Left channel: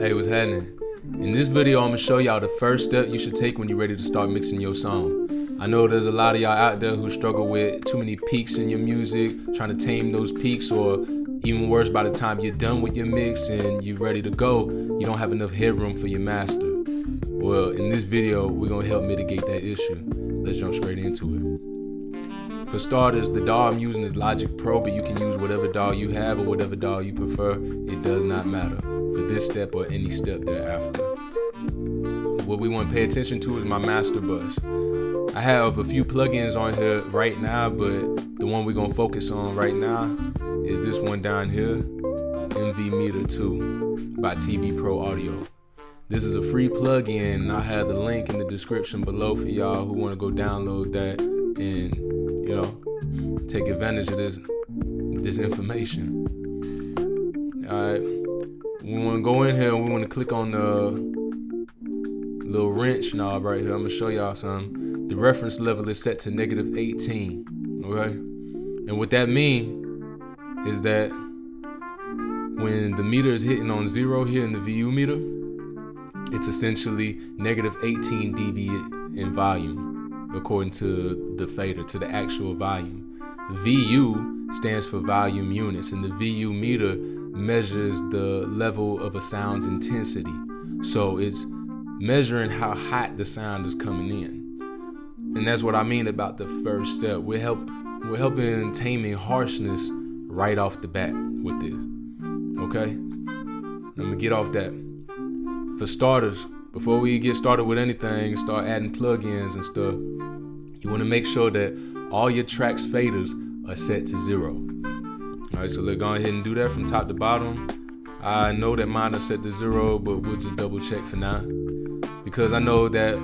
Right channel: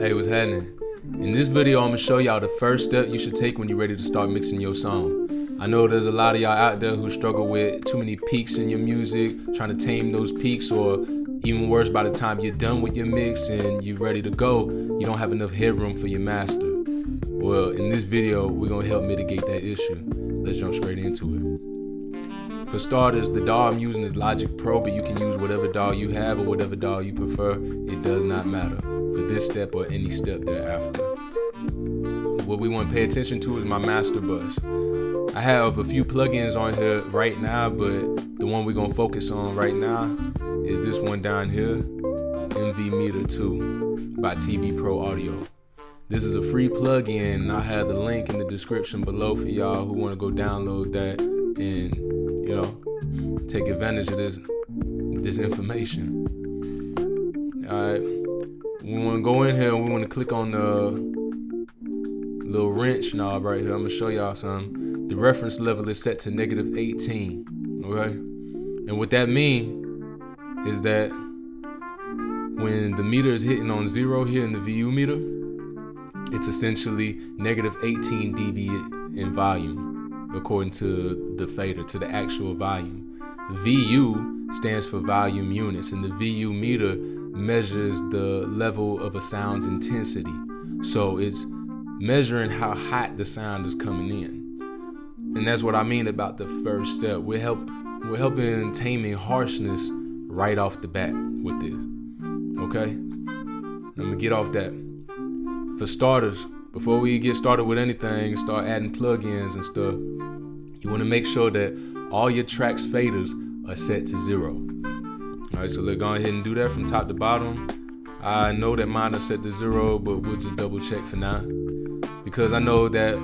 Hey, what's happening? In this video, I'm gonna show y'all the first step you should take when you're ready to start mixing your song. I know there's a lot of y'all out there who struggle with too many peaks in your music, trying to tame those peaks, or even worse, by the time you're done with your mix and you're ready to go, you don't have enough headroom for your master. Well, in this video, we're gonna help mitigate that issue. Let's jump straight into it. For starters, the DAW I'm using is Logic Pro, but you can use whatever DAW you have or whatever DAW you prefer. It does not matter for this step or any step thereafter. What we want to pay attention to is my master bus. I have a few plugins on here right now, but the one we're gonna focus on right now is this one down here, MV Meter 2 by TB Pro Audio. This is a free plugin, and I have the link in the description below for y'all who want to go download that and take advantage of this information. Alright, we want to go in here and we want to click on the little wrench knob right here. I'm going to show y'all something. The reference level is set to -18, okay? And what that means is that when the meter is hitting on 0 here in the VU meter, it's essentially -18 dB in volume, according to the fader, to the actual volume. VU stands for volume units, and the VU meter measures the level of a sound's intensity. So it's measuring how hot the sound is coming in. And that's what I mean about the first step. We're helping taming harshness right off the bat with this. Okay? Let me get off that. For starters, before we get started with anything, start adding plugins and stuff, you want to make sure that all your tracks faders are set to 0. All right, so let's go ahead and do that from top to bottom. I know that mine are set to 0, but we'll just double check for now, because I know that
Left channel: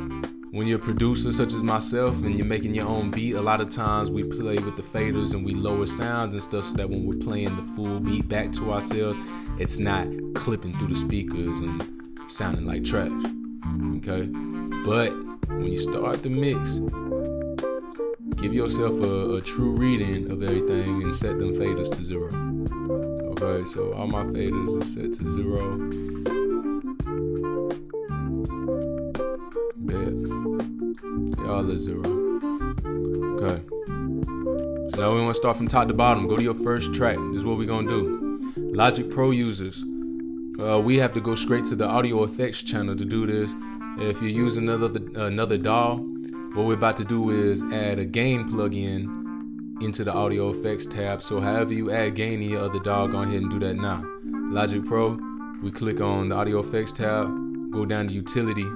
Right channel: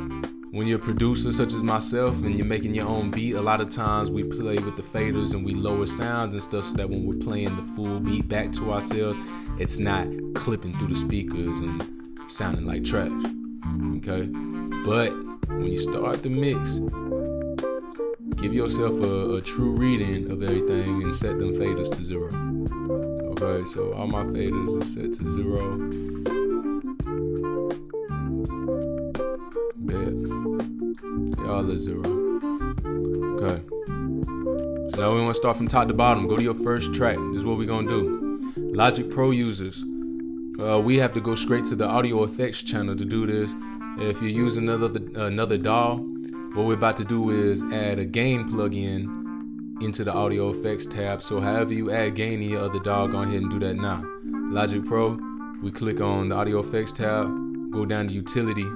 when you're a producer such as myself and you're making your own beat, a lot of times we play with the faders and we lower sounds and stuff so that when we're playing the full beat back to ourselves, it's not clipping through the speakers and sounding like trash. Okay, but when you start the mix, give yourself a true reading of everything and set them faders to 0. Okay, so all my faders are set to 0. Bet. They all are 0. Okay. So now we want to start from top to bottom. Go to your first track. This is what we're gonna do. Logic Pro users, we have to go straight to the audio effects channel to do this. If you're using another DAW, what we're about to do is add a gain plugin into the audio effects tab. So however you add gain in your other DAW, go ahead and do that now. Logic Pro, we click on the audio effects tab, go down to utility,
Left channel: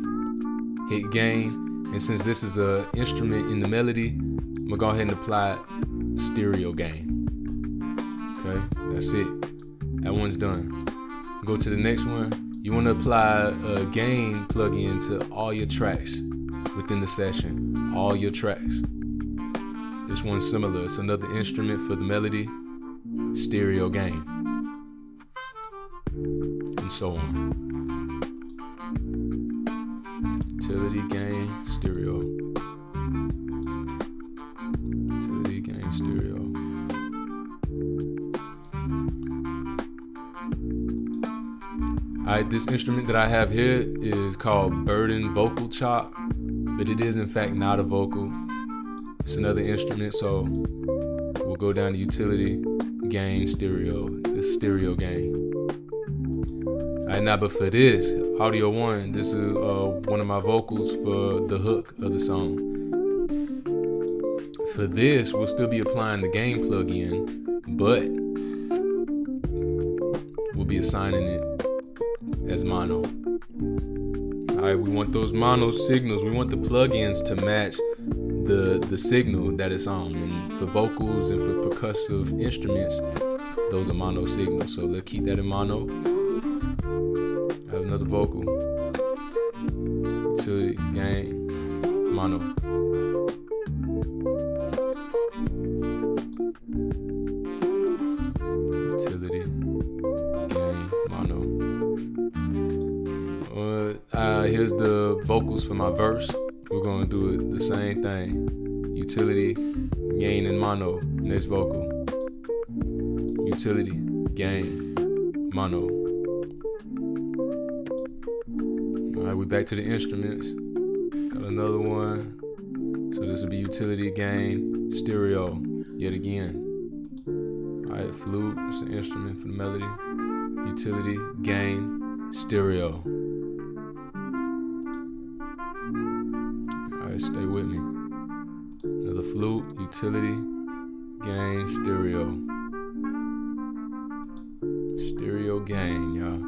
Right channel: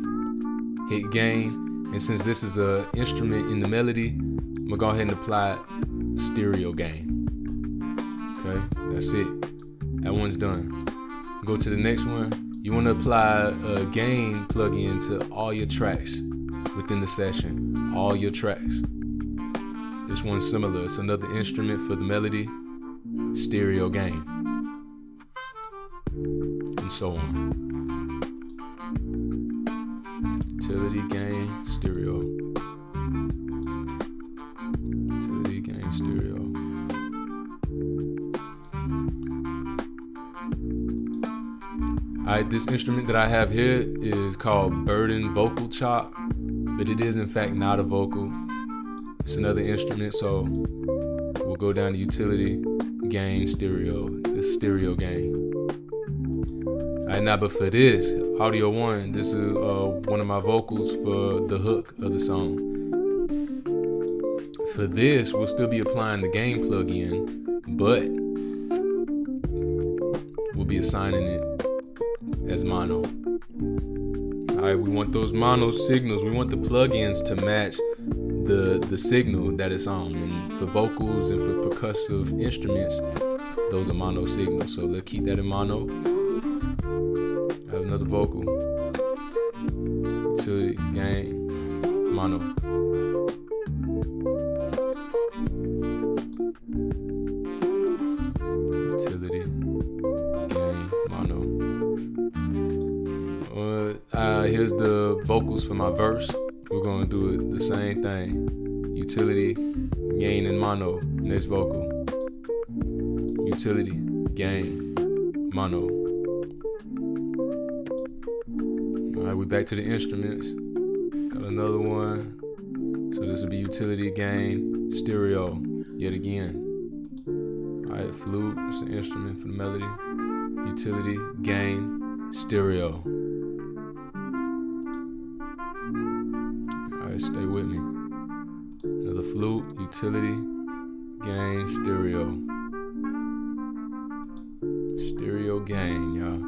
hit gain, and since this is an instrument in the melody, I'm gonna go ahead and apply stereo gain. Okay, that's it. That one's done. Go to the next one. You want to apply a gain plugin to all your tracks within the session, all your tracks. This one's similar. It's another instrument for the melody, stereo gain, and so on. Utility gain, stereo. Utility gain, stereo. Alright, this instrument that I have here is called Burden Vocal Chop, but it is in fact not a vocal. It's another instrument, so we'll go down to utility, gain, stereo. It's stereo gain. Alright, now but for this, audio 1, this is one of my vocals for the hook of the song. For this, we'll still be applying the gain plugin, but we'll be assigning it as mono. Alright, we want those mono signals. We want the plugins to match the signal that it's on. And for vocals and for percussive instruments, those are mono signals. So let's keep that in mono. I have another vocal. Utility, gain, mono. Utility, gain, mono. Here's the vocals for my verse. We're gonna do it the same thing. Utility, gain, and mono. Next vocal. Utility, gain, mono. right, we back to the instruments. Got another one. So this will be utility, gain, stereo, yet again. All right, flute, it's an instrument for the melody. Utility, gain, stereo. All right, stay with me. Another flute, utility, gain, stereo. Stereo, gain, y'all.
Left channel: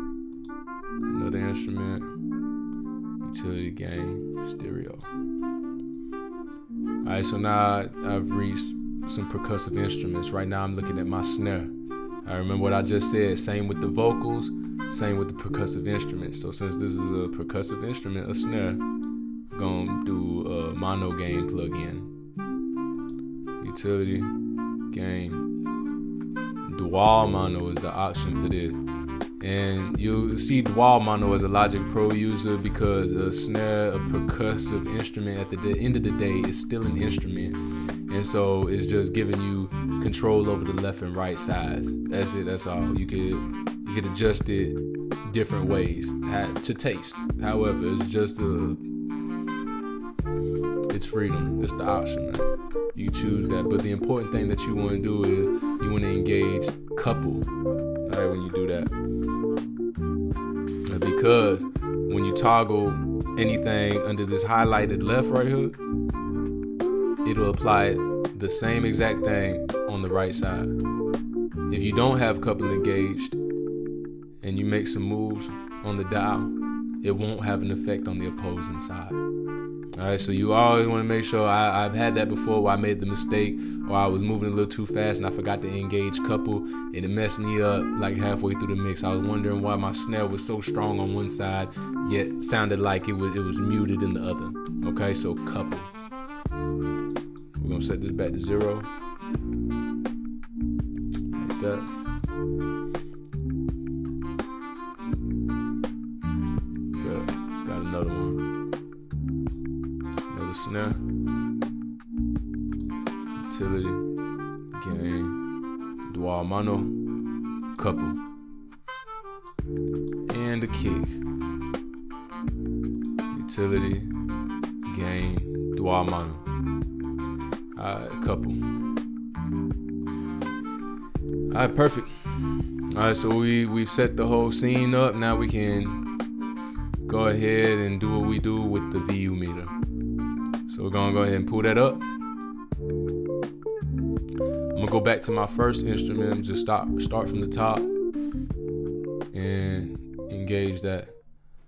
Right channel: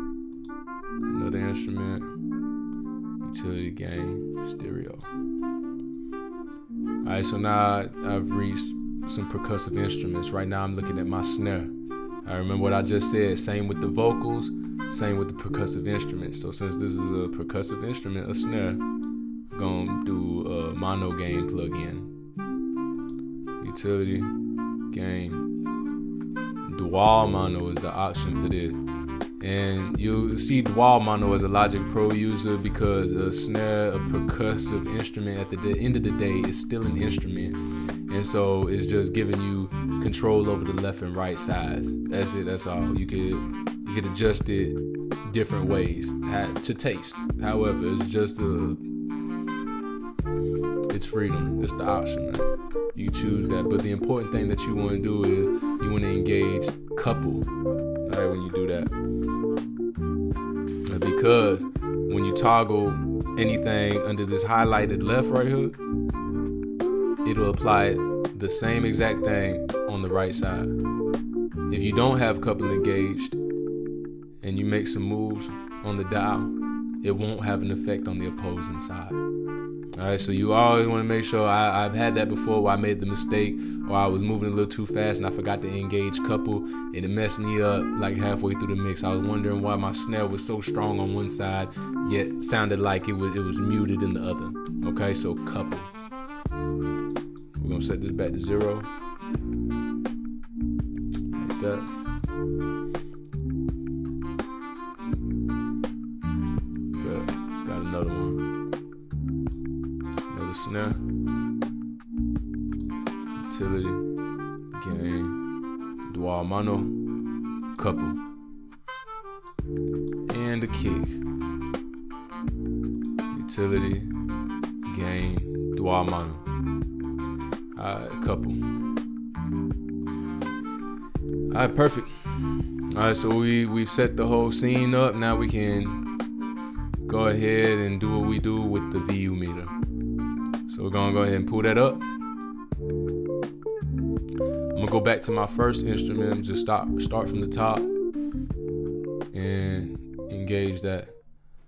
Another instrument, utility, gain, stereo. All right, so now I've reached some percussive instruments. Right now I'm looking at my snare. I remember what I just said, same with the vocals, same with the percussive instruments. So since this is a percussive instrument, a snare, I'm gonna do a mono gain plug-in. Utility, gain. Dual mono is the option for this. And you'll see dual mono as a Logic Pro user because a snare, a percussive instrument, at the end of the day, is still an instrument. And so it's just giving you control over the left and right sides. That's it, that's all. You could adjust it different ways to taste. However, it's just it's freedom. It's the option, man. You choose that. But the important thing that you want to do is you want to engage couple, all right, when you do that. Because when you toggle anything under this highlighted left right here, it'll apply the same exact thing on the right side. If you don't have couple engaged and you make some moves on the dial, it won't have an effect on the opposing side. All right, so you always want to make sure. I've had that before where I made the mistake or I was moving a little too fast and I forgot to engage couple and it messed me up like halfway through the mix. I was wondering why my snare was so strong on one side yet sounded like it was muted in the other. Okay, so couple. We're gonna set this back to 0. Like that. Good. Got another one. Another snare. Utility. Gain. Dual mono. Couple. And a kick. Utility. Gain. Dual mono. Couple. All right, perfect. All right, so we've set the whole scene up. Now we can go ahead and do what we do with the VU meter. So we're gonna go ahead and pull that up. I'm gonna go back to my first instrument, just start from the top and engage that.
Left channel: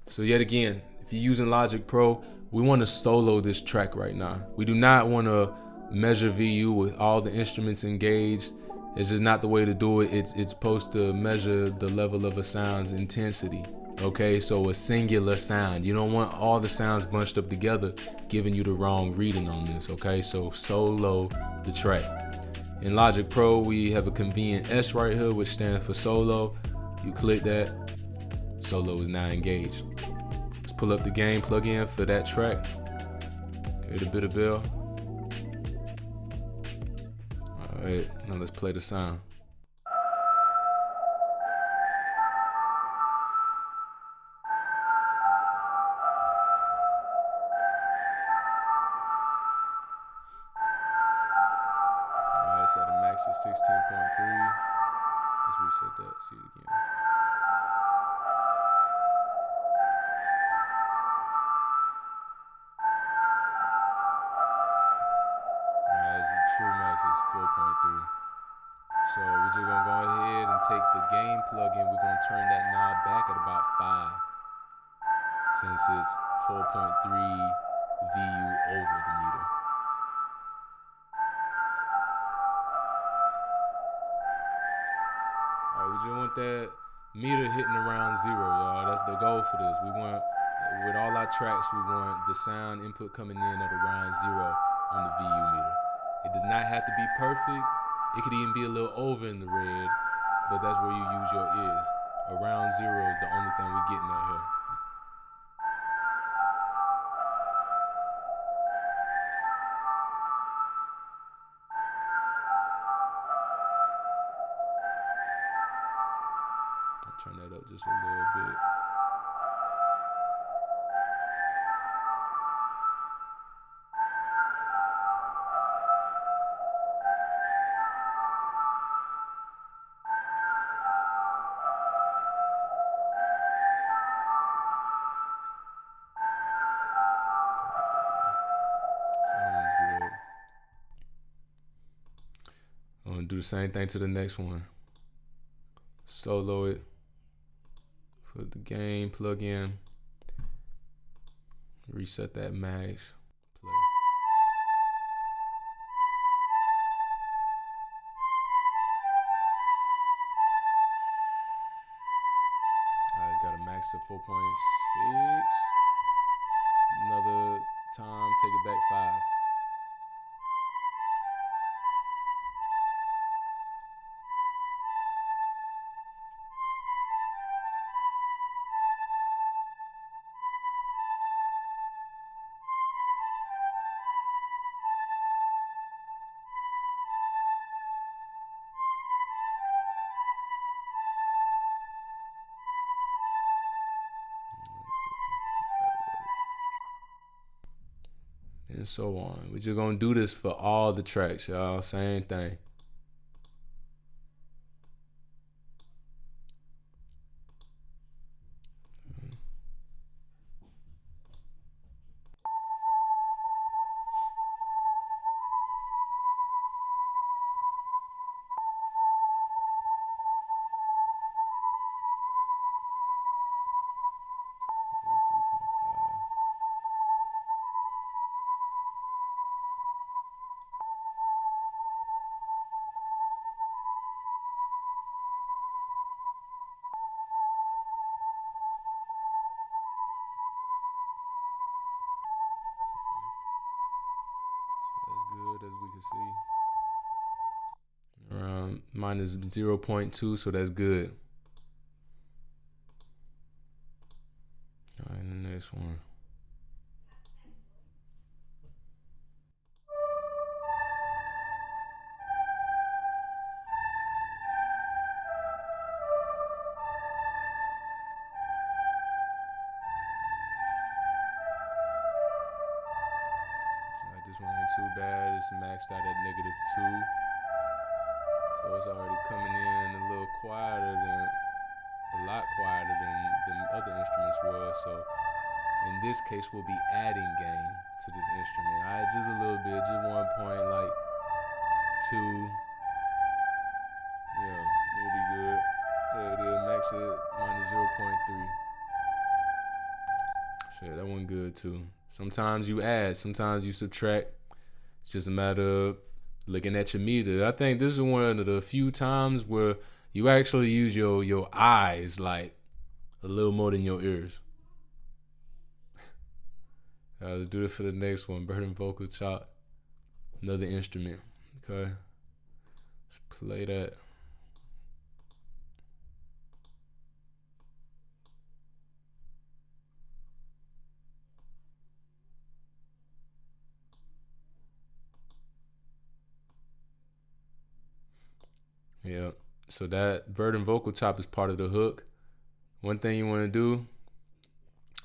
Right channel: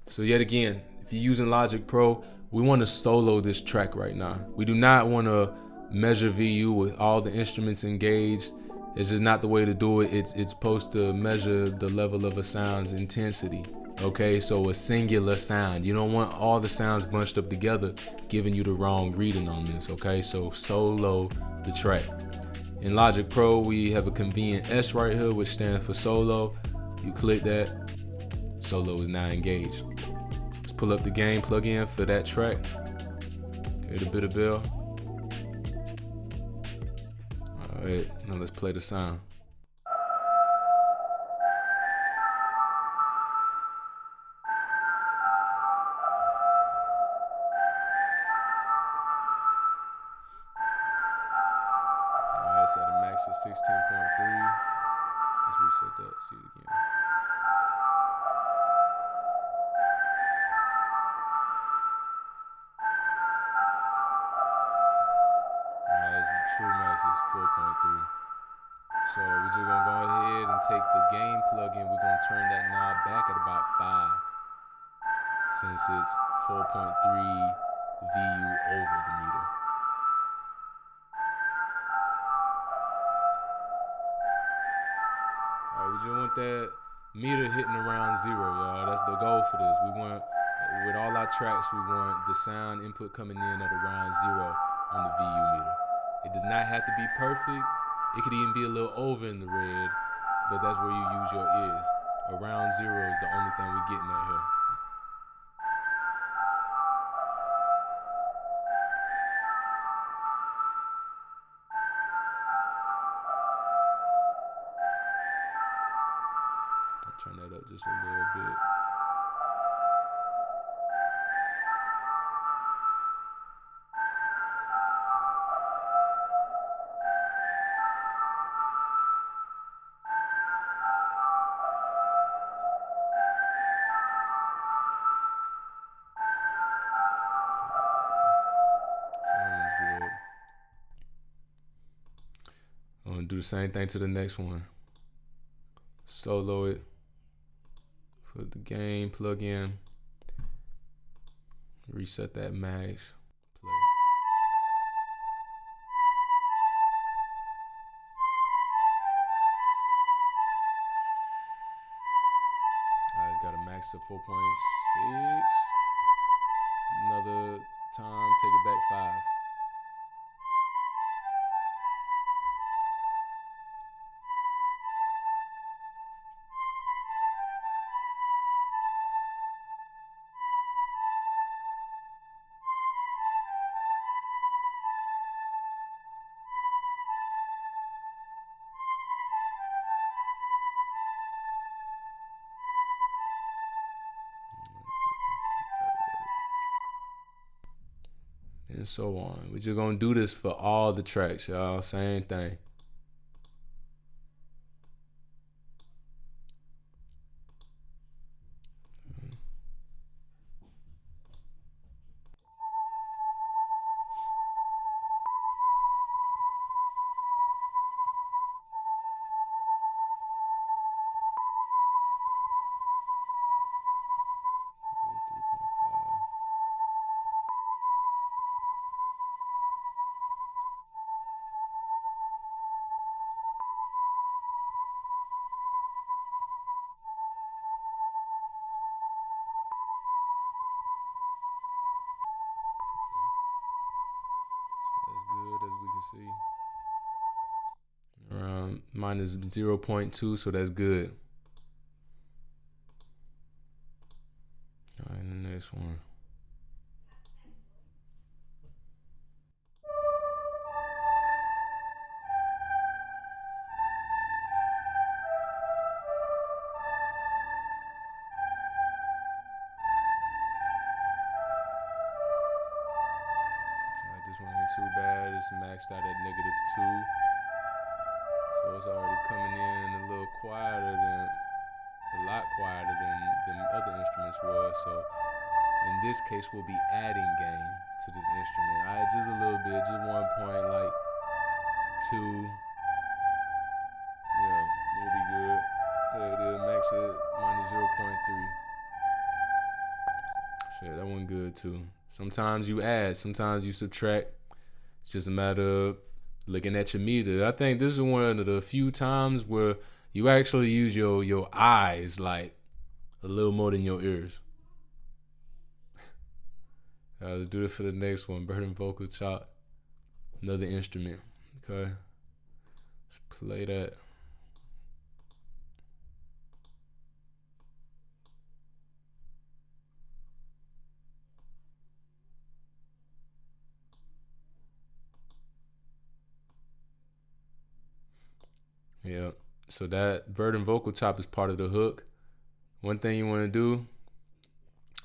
So yet again, if you're using Logic Pro, we want to solo this track right now. We do not want to measure VU with all the instruments engaged. It's just not the way to do it. It's supposed to measure the level of a sound's intensity. Okay, so a singular sound. You don't want all the sounds bunched up together, giving you the wrong reading on this. Okay, so solo the track. In Logic Pro, we have a convenient S right here, which stands for solo. You click that, solo is now engaged. Let's pull up the gain plugin for that track. Okay, the bit of bell. All right, now let's play the sound. It's at a max of 16.3. Let's reset that, see it again. Alright, the true max is 4.3. So we're just gonna go ahead and take the gain plugin. We're gonna turn that knob back at about 5, since it's 4.3 VU over the meter. We just want that meter hitting around 0, y'all. That's the goal for this. We want, with all our tracks, we want the sound input coming in at around 0 on the VU meter. It does not have to be perfect. It could even be a little over in the red, but that's where you use your ears. Around 0 is the only thing we're getting at here. Turn that up just a little bit. do the same thing to the next one. Solo it. Put the gain plug in. Reset that max. Play. I just got a max of 4.6. Another time, take it back 5. And so on. We're just gonna do this for all the tracks, y'all. Same thing. Good as we can see. Around minus 0.2, so that's good. All right, the next one. This one ain't too bad. It's maxed out at -2. So it's already coming in a little quieter than, a lot quieter than the other instruments was. So in this case, we'll be adding gain to this instrument. All right, just a little bit, just 1 point, like 2. Yeah, it'll be good. There it is, max it minus 0.3. Shit, that one good too. Sometimes you add, sometimes you subtract. It's just a matter of looking at your meter. I think this is one of the few times where you actually use your eyes like a little more than your ears. Let's do it for the next one. Burden vocal chop. Another instrument. Okay. Let's play that. Yeah. So that Verdant vocal chop is part of the hook. One thing you want to do,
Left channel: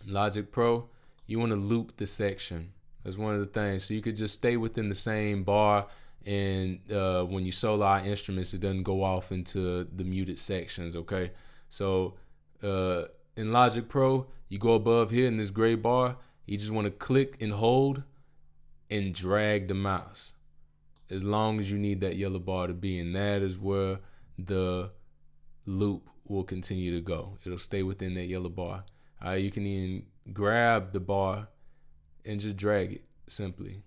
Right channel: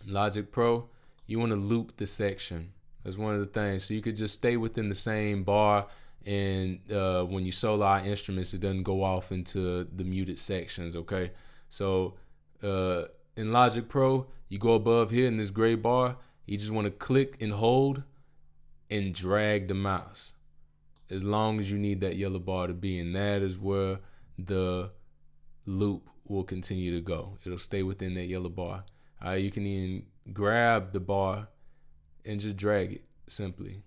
Logic Pro, you want to loop the section. That's one of the things. So you could just stay within the same bar, and when you solo our instruments, it doesn't go off into the muted sections, okay? So in Logic Pro, you go above here in this gray bar, you just want to click and hold and drag the mouse as long as you need that yellow bar to be, and that is where the loop will continue to go. It'll stay within that yellow bar. You can even grab the bar and just drag it simply.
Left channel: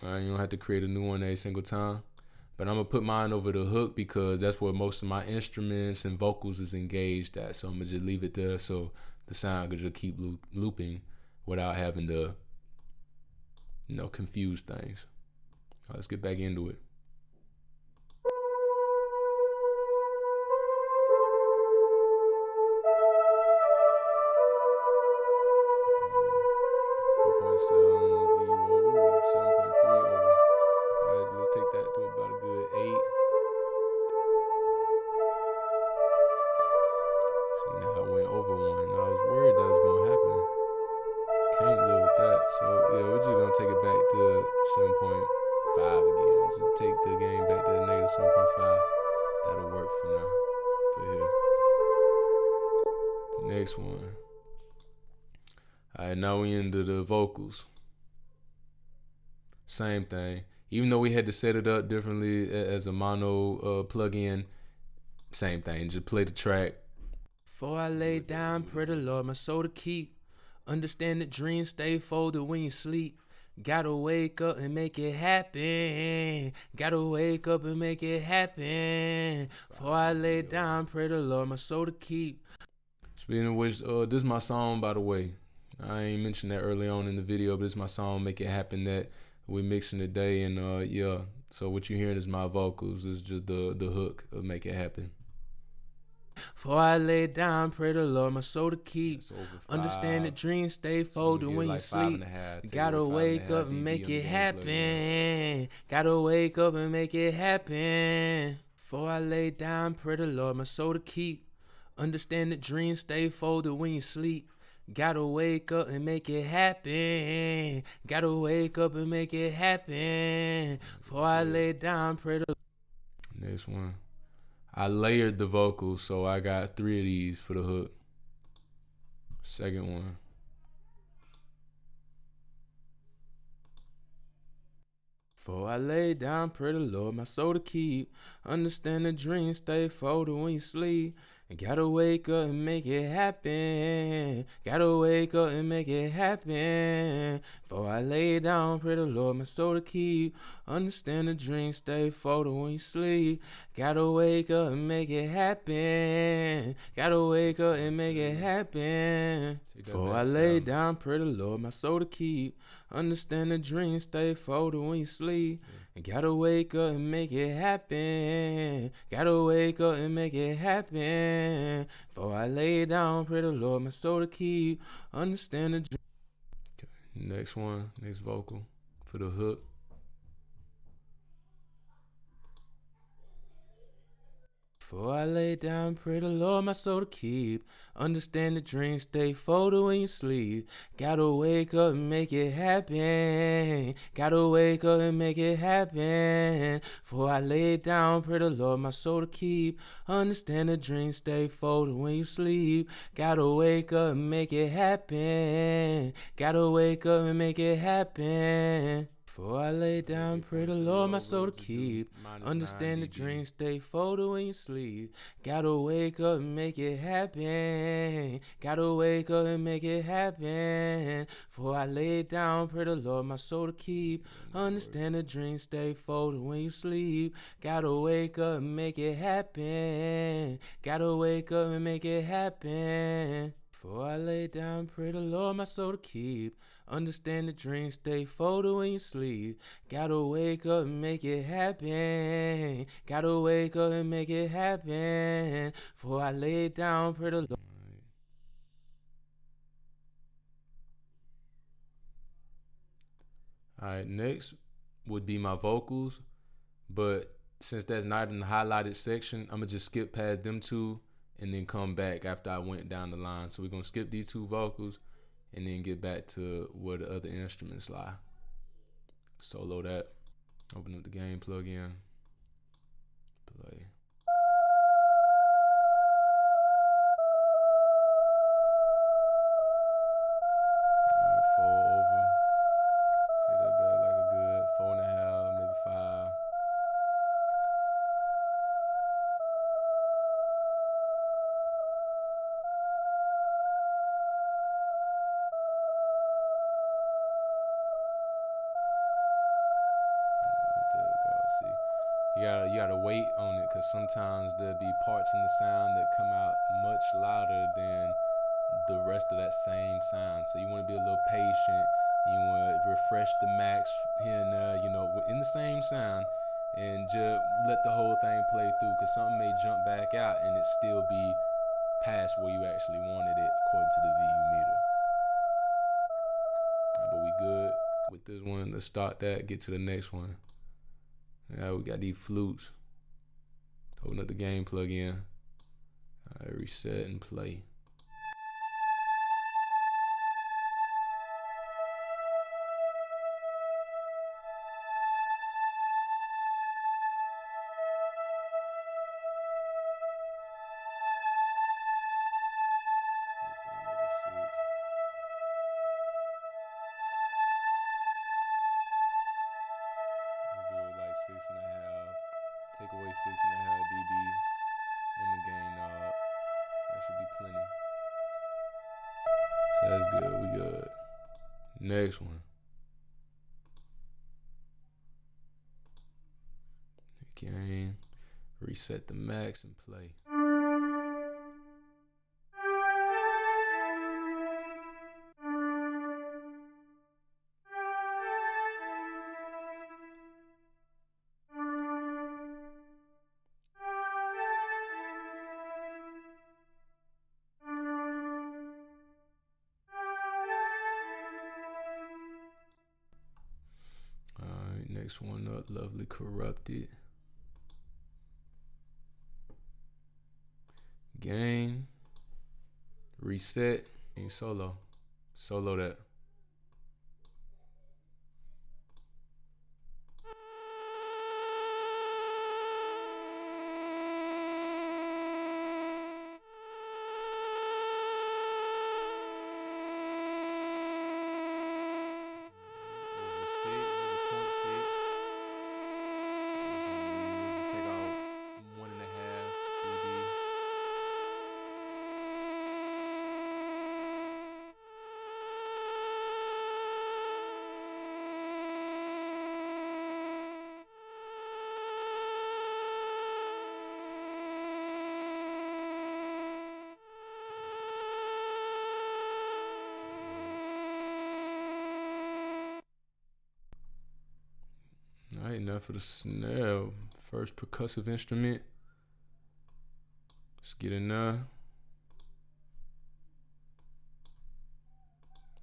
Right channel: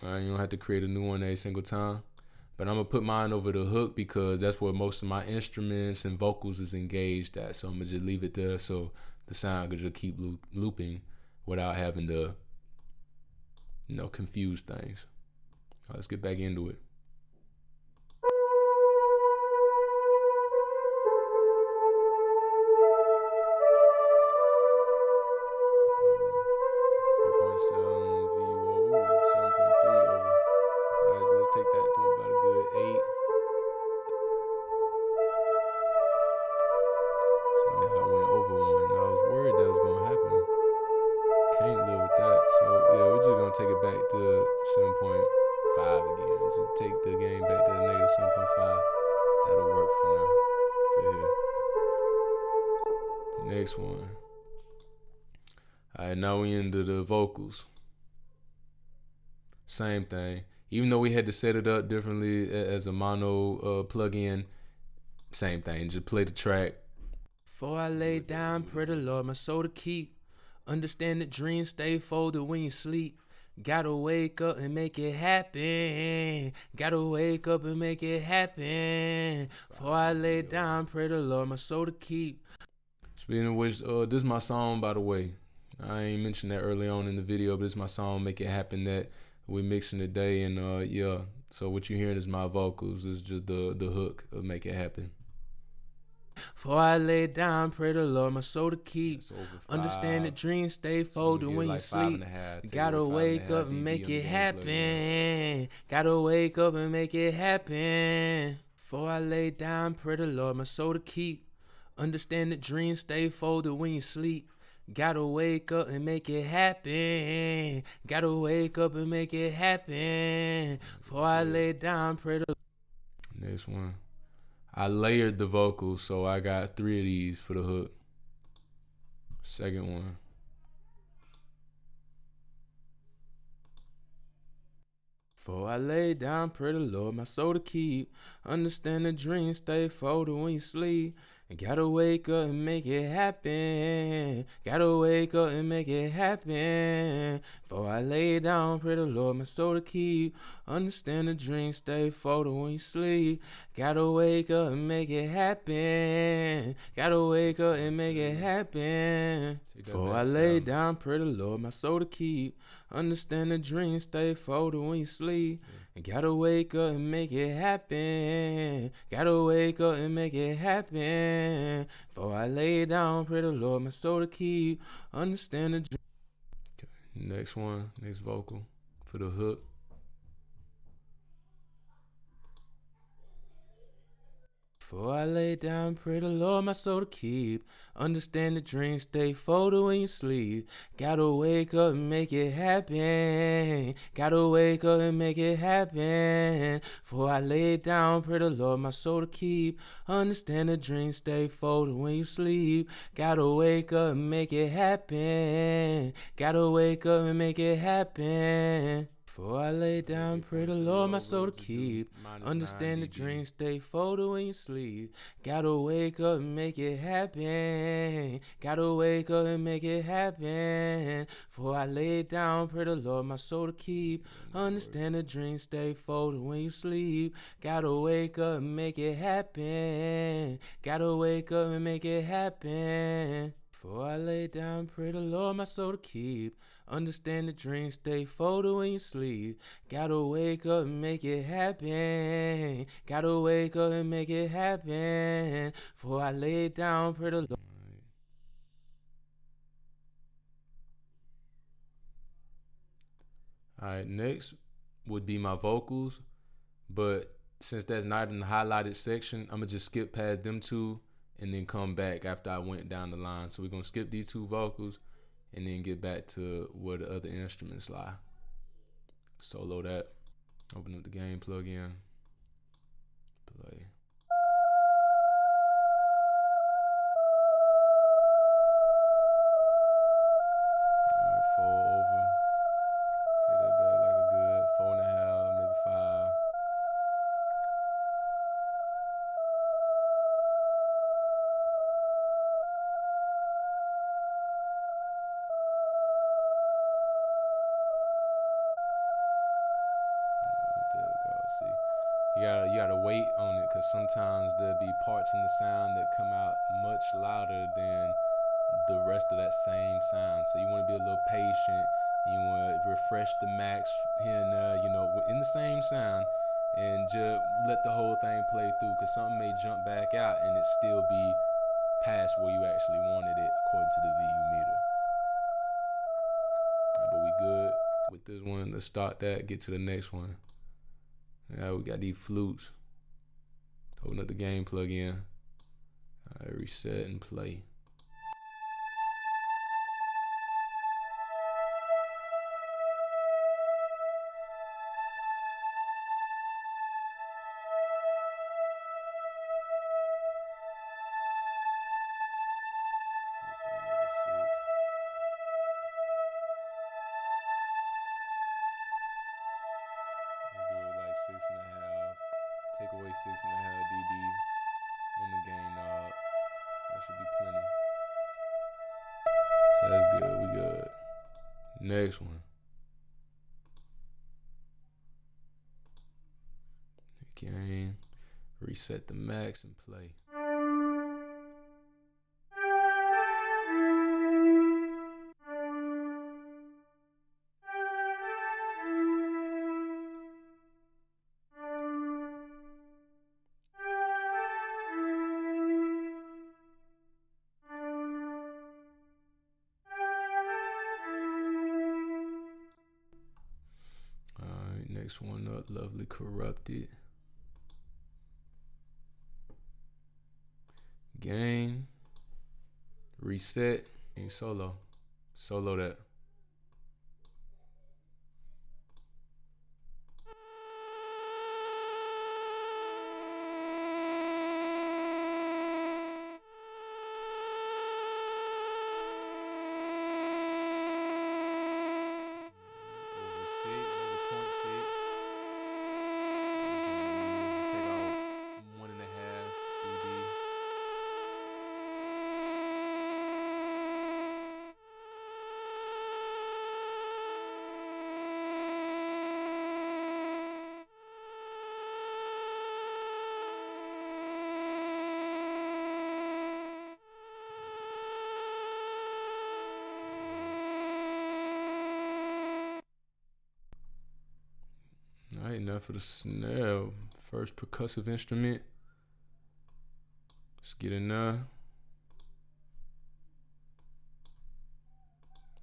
You don't have to create a new one every single time. But I'm gonna put mine over the hook because that's where most of my instruments and vocals is engaged at. So I'm gonna just leave it there so the sound could just keep looping without having to, confuse things. All right, let's get back into it. VO, 7.3 over. All right, so let's take that to about a good 8. See, now I went over 1. I was worried that was gonna happen. Can't live with that. So yeah, we're just gonna take it back to 7.5 again. Just take the gain back to -7.5. That'll work for now. For here. Next one. All right, now we into the vocals. Same thing. Even though we had to set it up differently as a mono plug-in, same thing. Just play the track. Before I lay down, pray the Lord my soul to keep. Understand that dreams stay folded when you sleep. Gotta wake up and make it happen. Gotta wake up and make it happen. Before I lay down, pray the Lord my soul to keep. Speaking of which, this is my song, by the way. I ain't mentioned that early on in the video, but it's my song, Make It Happen, that we mixing today. And yeah, so what you're hearing is my vocals. It's just the hook of Make It Happen. Before I lay down, pray the Lord my soul to keep. Understand that dreams stay folded when you sleep. Gotta wake up and make it happen. Gotta wake up and make it happen. Before I lay down, pray the Lord my soul to keep. Understand that dreams stay folded when you sleep. Gotta wake up and make it happen. Gotta wake up and make it happen. Before I lay down, pray the. Next one. I layered the vocals, so I got 3 of these for the hook. Second one. Before I lay down, pray the Lord my soul to keep. Understand the dreams stay folded when you sleep. And gotta wake up and make it happen. Gotta wake up and make it happen. Before I lay down, pray the Lord my soul to keep. Understand the dreams stay folded when you sleep. Gotta wake up and make it happen. Gotta wake up and make it happen. Before I lay down, pray the Lord my soul to keep. Understand the dreams stay folded when you sleep. And gotta wake up and make it happen. Gotta wake up and make it happen. Before I lay down, pray the Lord my soul to keep. Understand the dream. Okay, next one, next vocal for the hook. Before I lay down, pray the Lord my soul to keep. Understand the dreams stay folded when you sleep. Gotta wake up and make it happen. Gotta wake up and make it happen. Before I lay down, pray the Lord my soul to keep. Understand the dreams stay folded when you sleep. Gotta wake up and make it happen. Gotta wake up and make it happen. Before I lay down, pray the Lord my soul to keep. Understand the dreams stay folded when you sleep. Gotta wake up and make it happen. Gotta wake up and make it happen. Before I lay down, pray the Lord my soul to keep. Understand the dreams stay folded when you sleep. Gotta wake up and make it happen. Gotta wake up and make it happen. Before I lay down, pray the Lord my soul to keep. Understand the dreams stay folded when you sleep. Gotta wake up and make it happen. Gotta wake up and make it happen. Before I lay down, pray the Lord. Alright, next would be my vocals, but since that's not in the highlighted section, I'm gonna just skip past them two and then come back after I went down the line. So we're gonna skip these 2 vocals and then get back to where the other instruments lie. Solo that. Open up the game plug-in. Play. Alright, 4 over. See that back like a good 4.5, maybe 5. You gotta wait on it, because sometimes there'll be parts in the sound that come out much louder than the rest of that same sound. So you want to be a little patient. You want to refresh the max here and there, you know, in the same sound, and just let the whole thing play through, because something may jump back out and it still be past where you actually wanted it according to the VU meter. Right, but we good with this one. Let's start that, get to the next one. Now we got these flutes. Open up the game plug-in. All right, reset and play. Let's like 6.5. Take away 6.5 dB on the gain knob. That should be plenty. So that's good. We good. Next one. Gain. Reset the max and play. Alright, next one up, Lovely Corrupted. Gain. Reset. And solo. Solo that. Over 0.6. Take out 1.5 dB. Alright, enough for the snare. First percussive instrument. Let's get in there.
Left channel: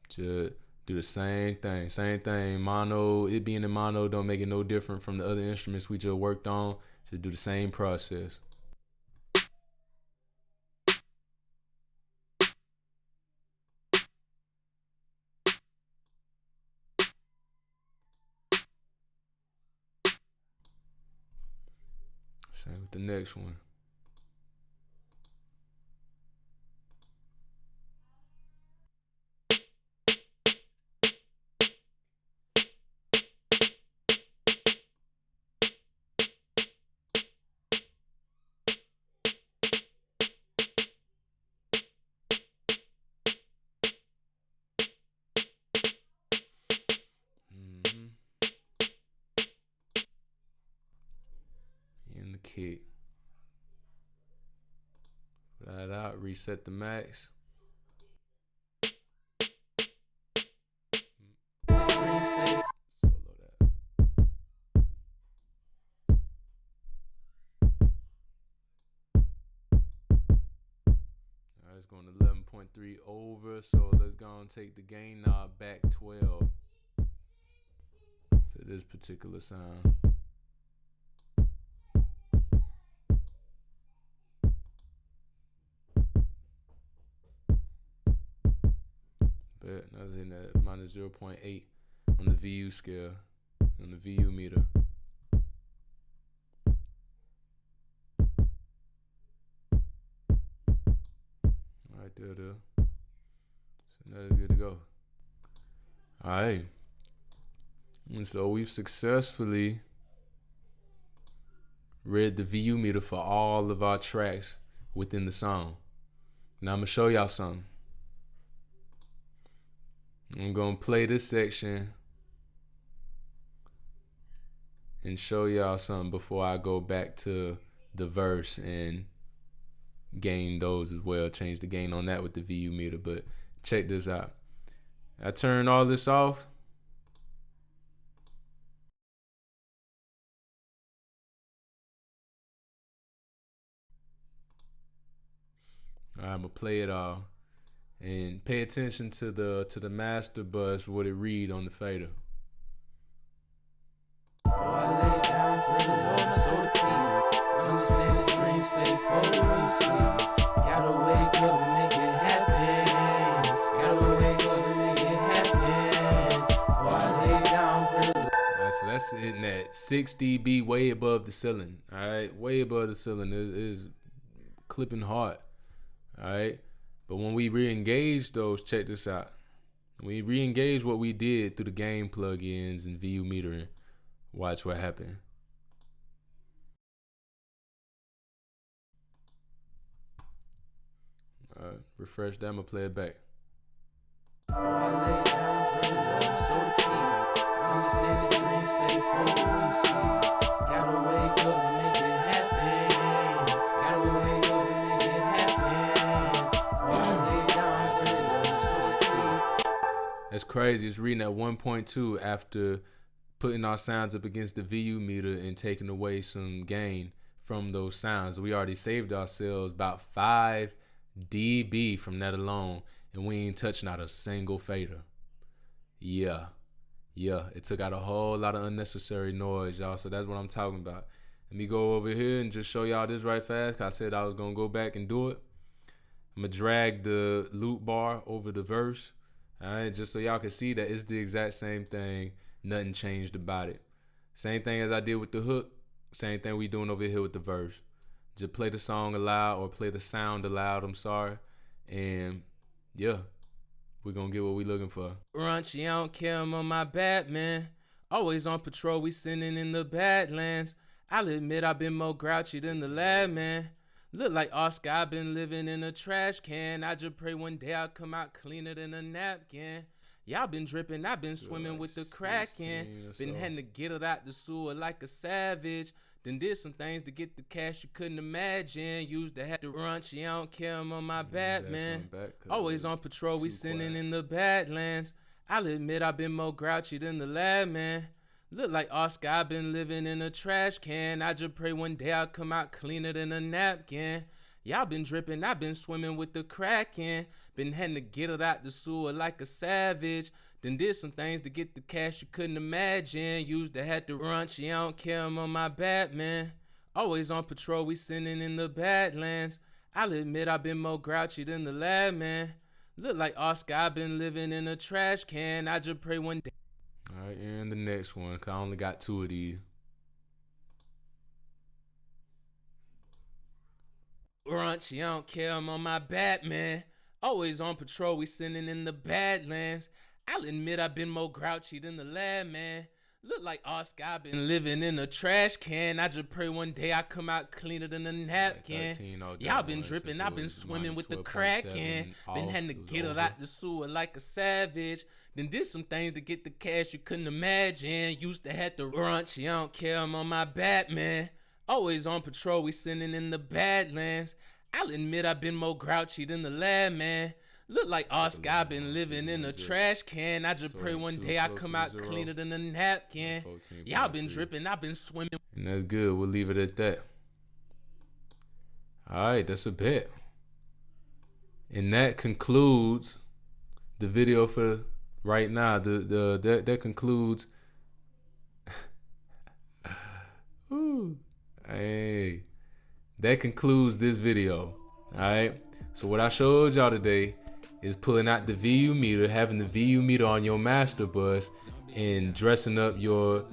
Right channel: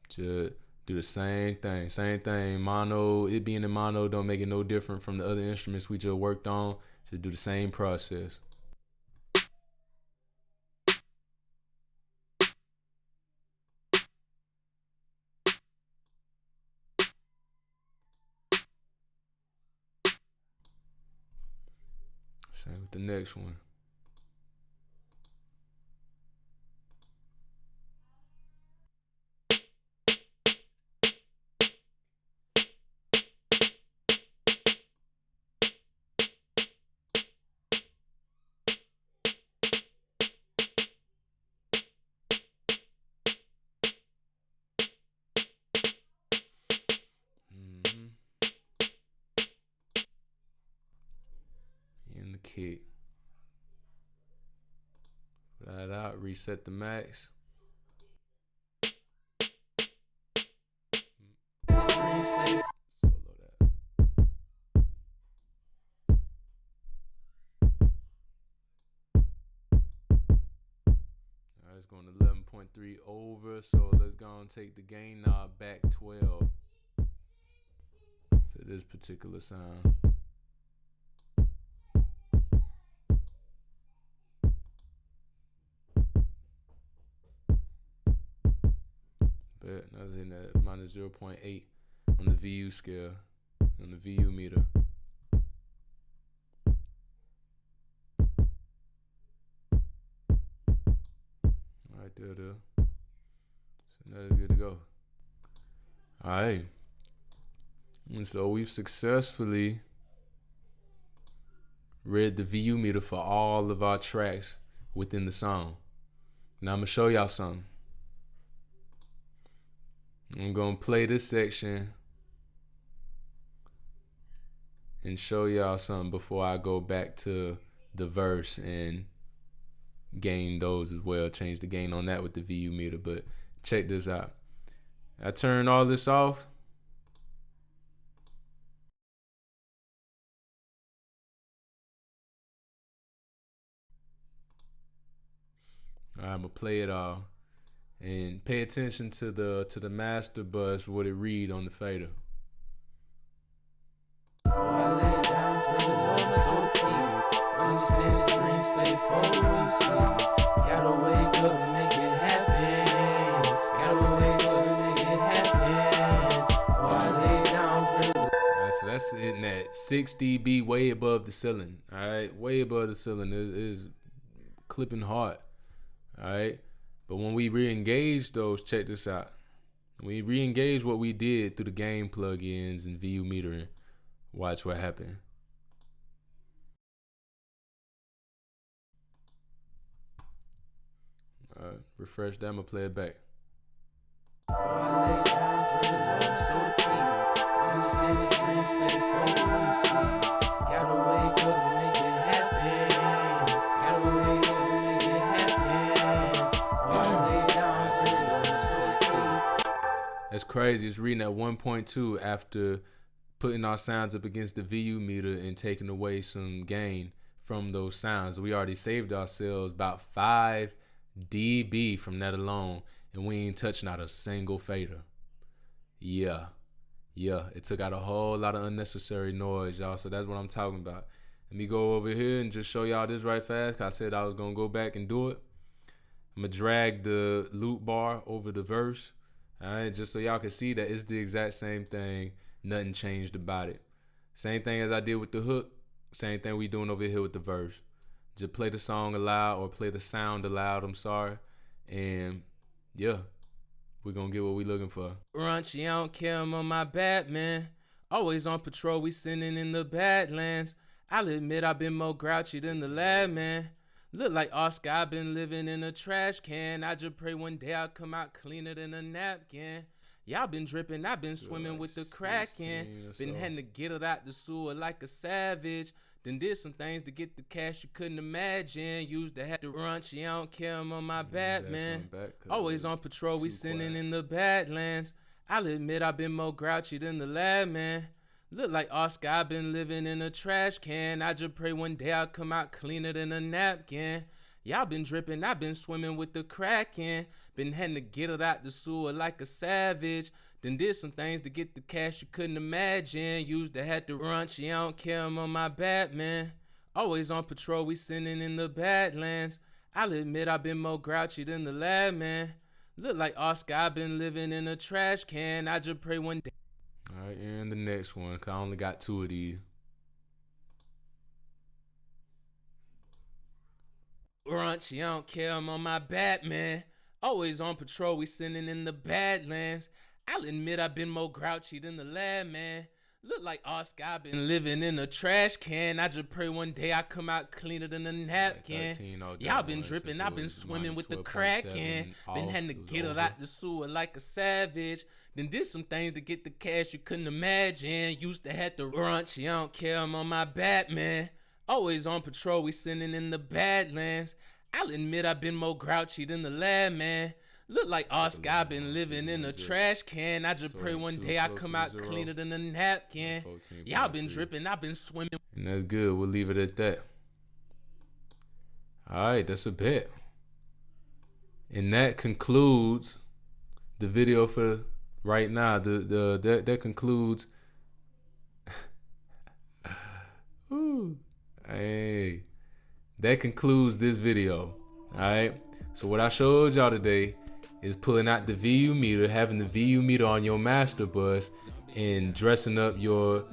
Just do the same thing. Mono, it being in mono don't make it no different from the other instruments we just worked on. Just do the same process. Same with the next one. In the kick. Put that out, reset the max. Solo that. Alright, it's going to 11.3 over, so let's go and take the gain knob back 12 for this particular sound. But I was hitting at minus 0.8 on the VU scale, on the VU meter. Alright, there. So now it's good to go. Alright. And so we've successfully read the VU meter for all of our tracks within the song. Now I'm gonna show y'all something. I'm gonna play this section and show y'all something before I go back to the verse and gain those as well. Change the gain on that with the VU meter. But check this out. I turn all this off. I'm gonna play it all. And pay attention to the master bus, what it read on the fader. Before I lay down, pray the Lord, so the key. Understand the dream, stay forward when you sleep. Gotta wake up and make it happen. Gotta wake up and make it happen. Before I lay down, pray the Lord. Alright, so that's hitting at 6 dB, way above the ceiling. Alright, way above the ceiling. It is clipping hard. Alright. But when we re-engage those, check this out. We re-engage what we did through the gain plugins and VU metering. Watch what happened. Refresh that, I'ma play it back. Before I lay down, pray the Lord, so the key. Understand the dream, stay focused when you sleep. Gotta wake up and make it happen. Gotta wake up and make it happen. Before I lay down, pray the Lord, so the key. That's crazy. It's reading at 1.2 after putting our sounds up against the VU meter and taking away some gain from those sounds. We already saved ourselves about 5 dB from that alone, and we ain't touched not a single fader. Yeah, it took out a whole lot of unnecessary noise, y'all. So that's what I'm talking about. Let me go over here and just show y'all this right fast, cause I said I was gonna go back and do it. I'm gonna drag the loop bar over the verse, all right, just so y'all can see that it's the exact same thing. Nothing changed about it. Same thing as I did with the hook. Same thing we doing over here with the verse. Just play the song aloud, or play the sound aloud, I'm sorry. And yeah, we're gonna get what we looking for. Raunchy, I don't care, I'm on my Batman. Always on patrol, we sinning in the Badlands. I'll admit I've been more grouchy than the lab, man. Look like Oscar, I've been living in a trash can. I just pray one day I'll come out cleaner than a napkin. Y'all been dripping, I've been swimming with the Kraken. Been having to get it out the sewer like a savage. Then did some things to get the cash you couldn't imagine. Used to have to raunchy, I don't care, I'm on my Batman. Always on patrol, we sinning in the Badlands. I'll admit I've been more grouchy than the lab, man. Look like Oscar, I've been living in a trash can. I just pray one day I'll come out cleaner than a napkin. Y'all been dripping, I've been swimming with the Kraken. Been having to get it out the sewer like a savage. Then did some things to get the cash you couldn't imagine. Used to have to raunchy, I don't care, I'm on my Batman. Always on patrol, we sinning in the Badlands. I'll admit I've been more grouchy than the lab, man. Look like Oscar, I've been living in a trash can. I just pray one day. All right, and the next one, cause I only got 2 of these. Raunchy, I don't care, I'm on my Batman. Always on patrol, we sinning in the Badlands. I'll admit I've been more grouchy than the lab, man. Look like Oscar, I've been living in a trash can. I just pray one day I come out cleaner than a napkin. Y'all been dripping, I've been swimming with the Kraken. Been having to get it out the sewer like a savage. Then did some things to get the cash you couldn't imagine. Used to have to raunchy, I don't care, I'm on my Batman. Always on patrol, we sinning in the Badlands. I'll admit I've been more grouchy than the lab, man. Look like Oscar, I've been living in a trash can. I just pray one day I come out cleaner than a napkin. Y'all been dripping, I've been swimming. And that's good, we'll leave it at that. All right, that's a bet. And that concludes the video for right now. That concludes. Ooh. Hey, that concludes this video. All right, so what I showed y'all today is pulling out the VU meter, having the VU meter on your master bus, and dressing up your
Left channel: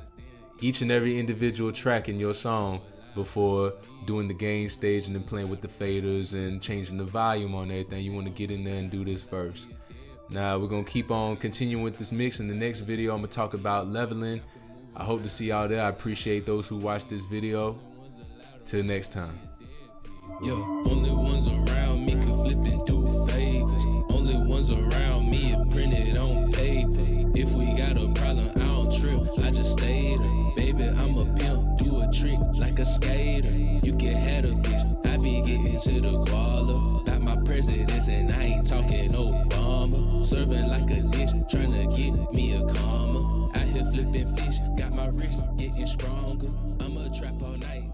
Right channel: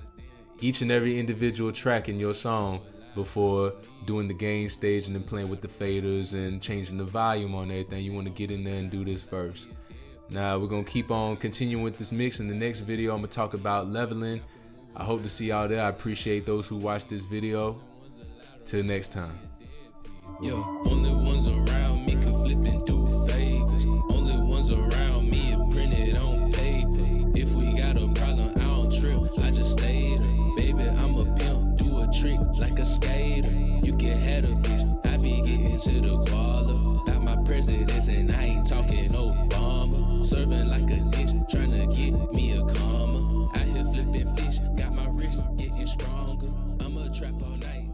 each and every individual track in your song before doing the gain stage and then playing with the faders and changing the volume on everything. You want to get in there and do this first. Now we're gonna keep on continuing with this mix. In the next video, I'm gonna talk about leveling. I hope to see y'all there. I appreciate those who watched this video. Till next time. Yo, only ones around me could flip and do favors. Only ones around me are printed on paper. If we got a problem, I don't trip. I just stay there. Baby, I'm a pimp, do a trick like a skater. You can have a bitch. I be getting to the guala. Got my presidents and I ain't talking Obama. Serving like a dish, trying to get me a comma. Out here flipping fish, got my wrist getting stronger. I'ma trap all night.